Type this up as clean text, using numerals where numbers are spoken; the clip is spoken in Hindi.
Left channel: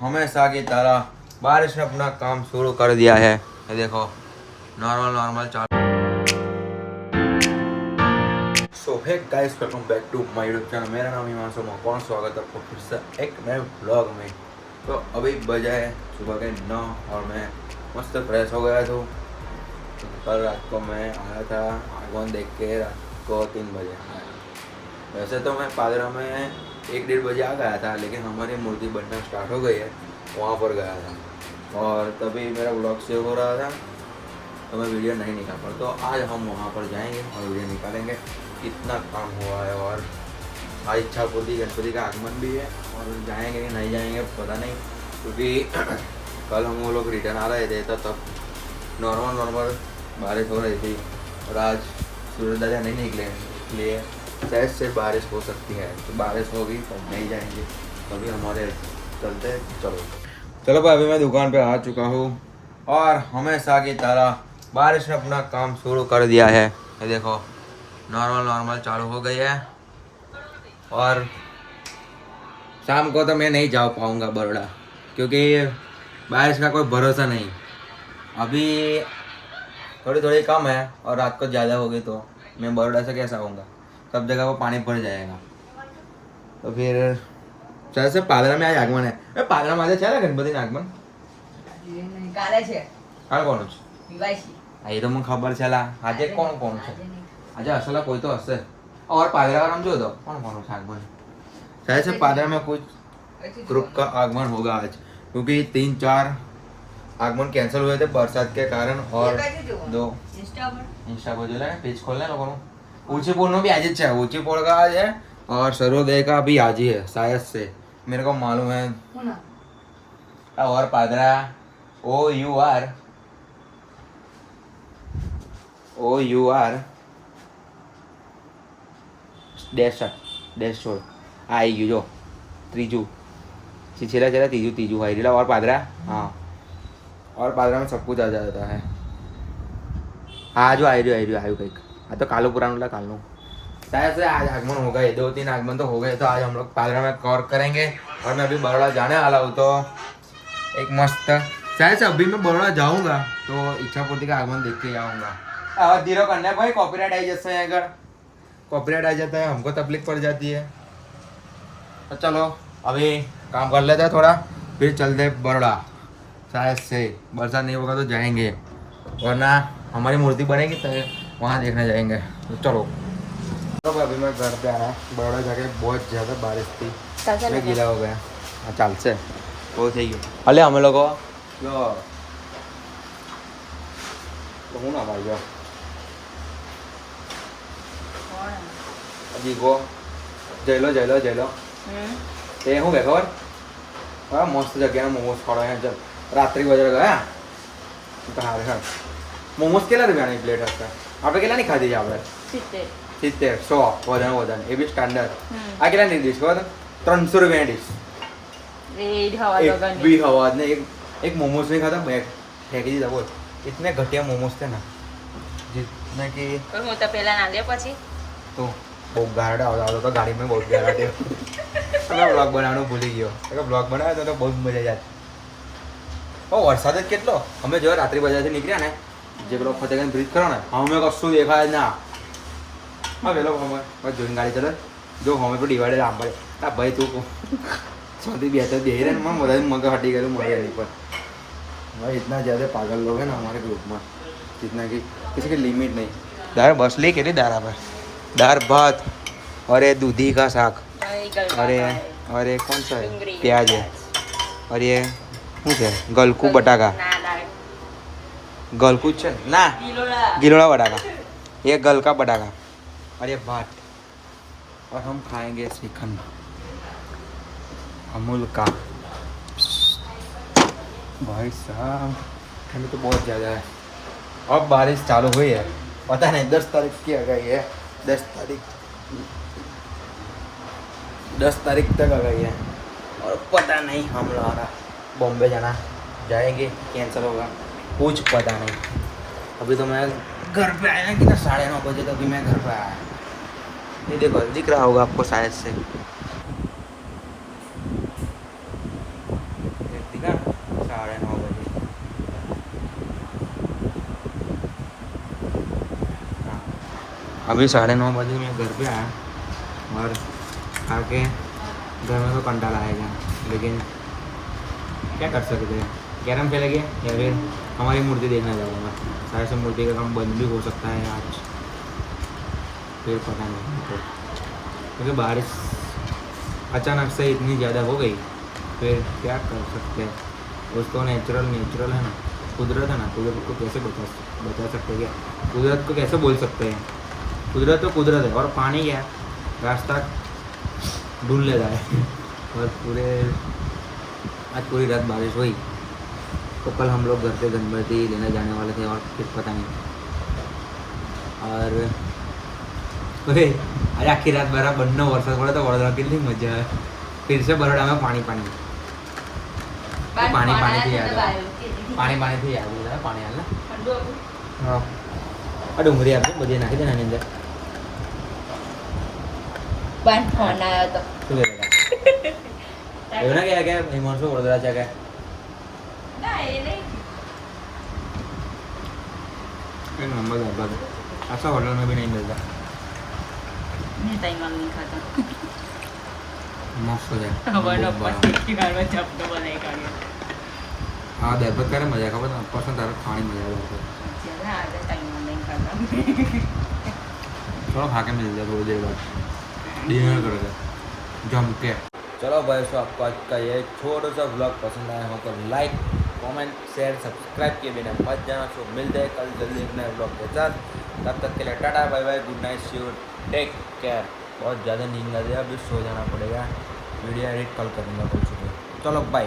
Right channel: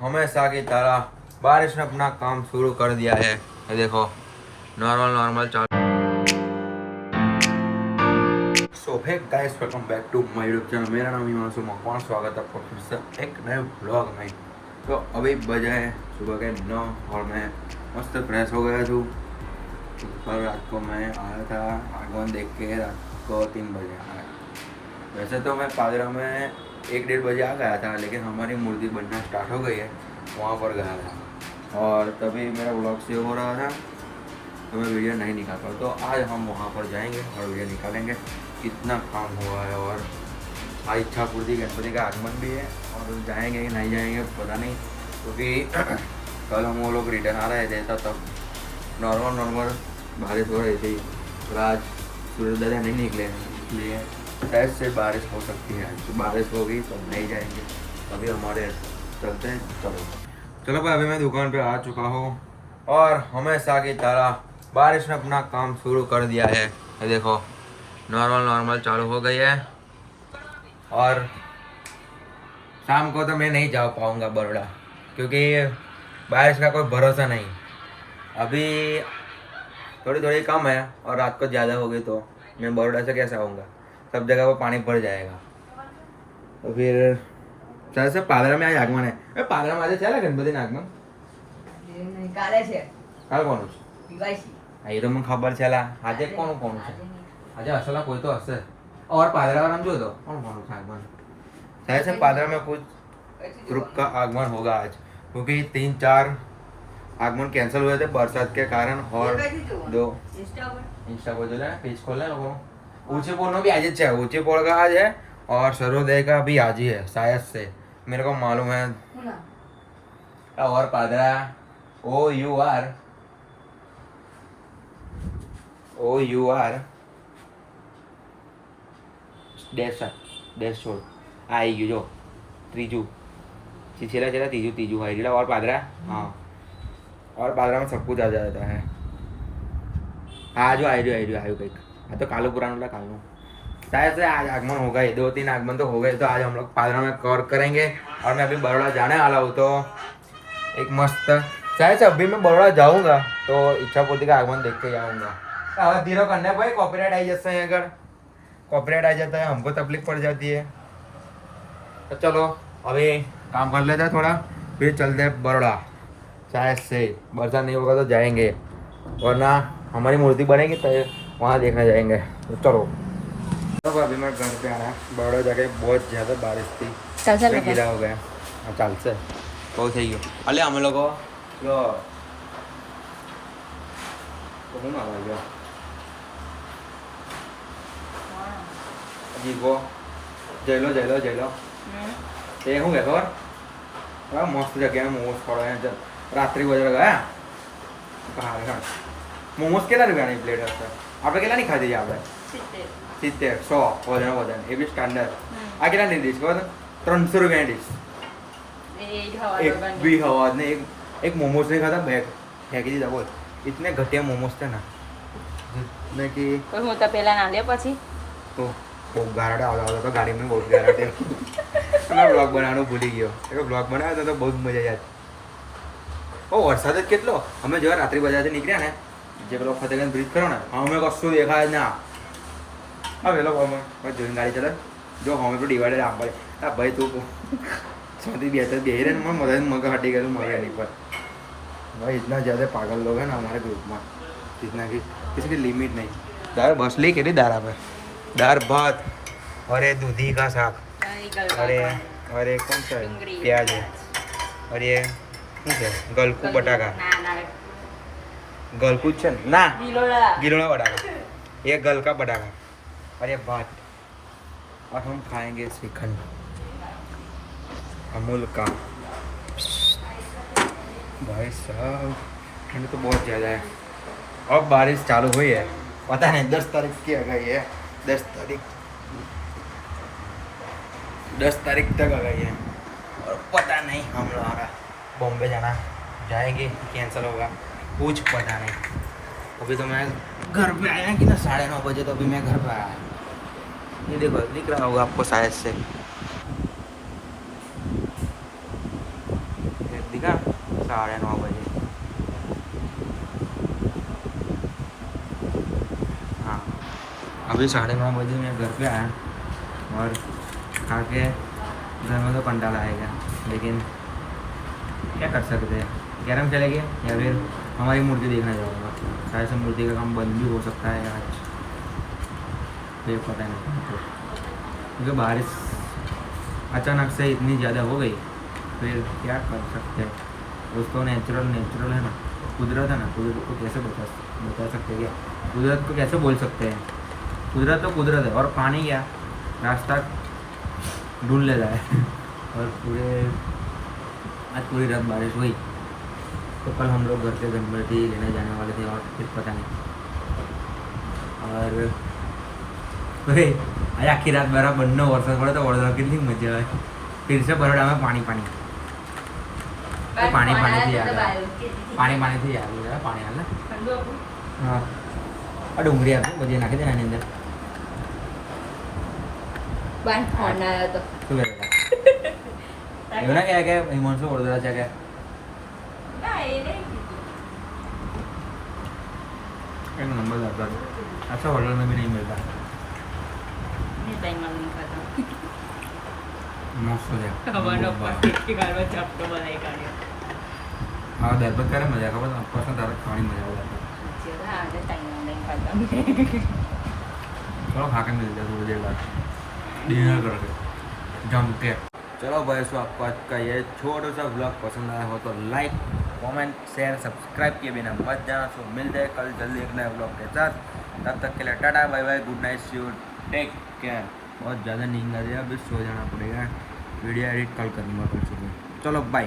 हमेशा की तरह बारिश ने अपना काम शुरू कर दिया है। ये देखो नॉर्मल नॉर्मल चालू। So hey guys, welcome back to my YouTube channel. मेरा नाम हिमांशु मकवान। स्वागत है आपको फिर से एक नए ब्लॉग में। तो अभी बजा है सुबह के 9 और मैं मस्त फ्रेश हो गया था। कल रात को मैं आया था आगमन देख के, रात को 3 बजे आया। वैसे तो मैं पादरा में 1-1:30 बजे आ गया था, लेकिन हमारी मूर्ति बनना स्टार्ट हो गई है, वहाँ पर गया था और तभी मेरा ब्लॉग सेव हो रहा था तो मैं वीडियो नहीं निकाल पाया। तो आज हम वहाँ पर जाएंगे और वीडियो निकालेंगे। कितना काम हुआ है और आज इच्छापूर्ति गणपति का आगमन भी है और जाएंगे कि नहीं जाएंगे पता नहीं, क्योंकि कल हम वो लोग रिटर्न आ रहे थे तब नॉर्मल बारिश हो रही थी और आज सूरज दादा नहीं निकले, इसलिए शायद से बारिश हो सकती है। तो बारिश होगी तो नहीं जाएंगे, तभी हमारे चलते चलो भाई। अभी मैं दुकान पे आ चुका हूँ और हमेशा की तरह बारिश ने अपना काम शुरू कर दिया है। ये देखो नॉर्मल चालू हो गई है और शाम को तो मैं नहीं जा पाऊँगा बड़ोड़ा, क्योंकि बारिश का कोई भरोसा नहीं। अभी थोड़ी कम है और रात को ज़्यादा होगी तो मैं बड़ोड़ा से कैसे आऊँगा, सब जगह वो पानी भर जाएगा। तो फिर शायद से पादरा में आज आगमन है। पादरा में आज है गणपति आगमन કાલે કોનું છે? એ તો મને ખબર છે લા, આજે કોણ છે? આજે અસલા કોઈ તો હશે। और पादरा वाला जो तो कौन से आगमन, शायद से पादरा में कुछ ग्रुप का आगमन होगा आज, क्योंकि 3-4 आगमन कैंसिल हुए थे बरसात के कारण। और दो इंस्टा पर जो है पेज खोलना है लोगों को। ऊंची पोल भी आज ही है, ऊंची पोल का आज है और सर्वोदय का भी आज ही है शायद से, मेरे को मालूम है। और पादरा OUR डैश छोड़ आई गयो जो त्रीजू छेला तीजू आई दिला। और पादरा, हाँ, और पादरा में सब कुछ आ जाता है। हाँ जो आई रही कहीं। हाँ तो कालू पुराना कालू शायद से आज आगमन होगा। ये 2-3 आगमन तो हो गए, तो आज हम लोग पादरा में कवर करेंगे। और मैं अभी बड़ोड़ा जाने वाला हूँ, तो एक मस्त शायद से अभी मैं बड़ोड़ा जाऊँगा तो इच्छापूर्ति का आगमन देख के जाऊँगा। आवाज धीरे करना भाई, कॉपीराइट आई जाते हैं। अगर कॉपीराइट आ जाता है हमको तकलीफ पड़ जाती है। तो चलो अभी काम कर लेते हैं थोड़ा, फिर चलते हैं बड़ोड़ा। शायद से बरसात नहीं होगा तो जाएंगे, वरना हमारी मूर्ति बनेगी तो वहाँ देखने जाएंगे। तो चलो। तो अभी मैं घर पे आया, बड़ोड़ा जाके बहुत ज़्यादा बारिश थी, मैं गीला हो गया। चाल से बहुत सही हो अले हम लोग तो हूँ ना भाई જીગો જઈ લો તે શું કે ખબર? હા મસ્ત જગ્યાએ મોમોસ ખાવા હે। ચાલ રાત્રિ બજાર ગયા હારે હા મોમોસ કેટલા રૂપિયાની પ્લેટ હશે? આપણે કેટલાની ખાધી છે? આપણે 70 100 વધારે એ બી સ્ટાન્ડર્ડ। આ કેટલાની ડીશ ખબર? 300 રૂપિયાની ડીશ। एक भी हवा ने एक मोमोज नहीं खाता, फेंकी दीधा। बोल इतने घटिया मोमोज थे ना, जितने कि तो बहुत गारडा होता तो गाड़ी में बहुत गारा थे। मैं ब्लॉग बनाना भूली गयो, अगर ब्लॉग बनाया तो बहुत मजा जाती। और वरसाद ज केटलो અમે જો રાત્રિ બજારથી નીકળ્યા ને, જે પેલો ફતેગંજ બ્રિજ ખરો ને, અમે કશું દેખાય ના। હા પેલો અમે જોઈને ગાડી ચલે જો અમે તો ડિવાઈડર આમ પડે। આ ભાઈ તું सोती बैठे बेह रहे ना, मजा मग हटी गए मरे नहीं पर। भाई इतना ज़्यादा पागल लोग हैं ना हमारे ग्रुप में, कितना की किसी की लिमिट नहीं। दार बसली के लिए दारा पर दार भात और ये दूधी का साग और ये कौन सा है प्याज है और ये શું છે ગલકુ બટાકા ગલકુ છે ना गिलोड़ा बटाका, ये गलका बटाका और ये भात। और हम खाएंगे श्रीखंड अमूल का। भाई साहब ठंड तो बहुत ज़्यादा है। अब बारिश चालू हुई है, पता नहीं 10 तारीख की आ गई है। 10 तारीख तक आ गई है और पता नहीं हम लोग बॉम्बे जाना जाएंगे कैंसिल होगा, कुछ पता नहीं। अभी तो मैं घर पे आया कितना 9:30 बजे, तो अभी मैं घर पे आया। ये देखो दिख रहा होगा आपको शायद से, दिखा 9:30 बजे। हाँ अभी 9:30 बजे मैं घर पे आया और खा के घर में तो कंटाला आएगा, लेकिन क्या कर सकते हैं, कैरम चलेंगे या फिर हमारी मूर्ति देखने जाऊँगा। शायद से मूर्ति का काम बंद भी हो सकता है आज, फिर पता नहीं हमको, क्योंकि बारिश अचानक से इतनी ज़्यादा हो गई, फिर क्या कर सकते हैं। दोस्तों नेचुरल है ना, कुदरत है ना, कुदरत को कैसे बता सकते हैं, क्या कुदरत को कैसे बोल सकते हैं। कुदरत तो कुदरत है, और पानी क्या रास्ता ढूंढ लेता है। और आज पूरी रात बारिश हुई, तो कल हम लोग घर से गणपति लेने जाने वाले थे, और फिर पता नहीं। और आज आखी रात बरा બંને વરસાદ પડે તો વડોદરા કેટલી મજા આવે। फिर से बरोડા में पानी थी याद हो रहा है पानी हाल हाँ आ डूंगरी आपको बजे नाखी देना ની અંદર પણ ફોન આવ્યો તો શું કહેતા એવું ના કહેવાય કે હિમાંશુ વડોદરા છે કે ના એ નહીં एक नंबर दादा ऐसा होटल में भी नहीं मिलता। नहीं ताई मांगनी खाती मस्त है हमारा पट्टी बार में जब तो बनेगा हाँ दाल भात करे मजा खबर ना पसंद तारा खाने मजा आता ज्यादा आधे टाइम ऑनलाइन करता चलो खा के मिल जाए थोड़ी देर बाद डिनर करोगे जम के। चलो भाई सो आपको आज का ये छोटा सा व्लॉग पसंद आया हो तो लाइक कमेंट शेयर सब्सक्राइब किए बिना मत जाना। सो मिलते हैं कल जल्दी एक नए व्लॉग के साथ, तब तक के लिए tata bye bye good night see you take care. बहुत ज़्यादा नींद आ रही है, अभी सो जाना पड़ेगा, वीडियो एडिट कल करूँगा कल सुबह। चलो बाय।